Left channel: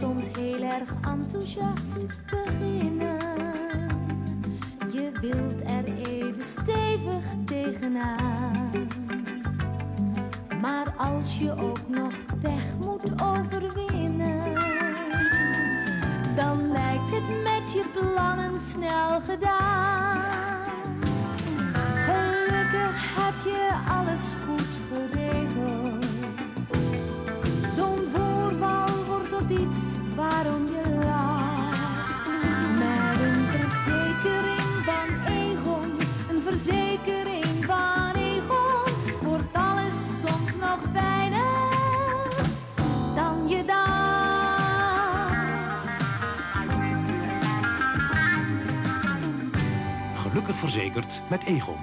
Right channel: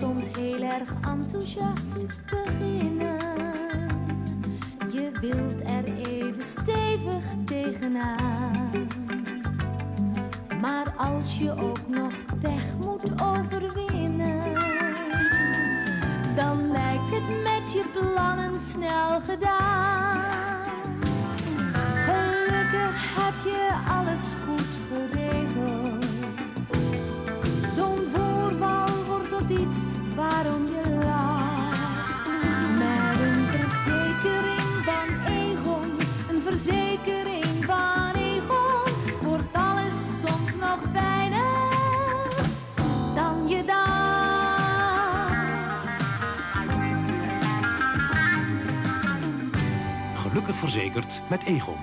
soms heel erg enthousiast beginnen. Je wilt er even stevig tegenaan. Maar als je ook nog pech moet overwinnen, dan lijkt het met je plannen snel gedaan. Gelukkig heb je alles goed geregeld. Zo'n voorval wordt tot iets waarom je lacht. Met een verzekering van Egon, een verzekering van Egon, wordt alles soms nog fijner dan je dacht. Gelukkig verzekerd met Egon.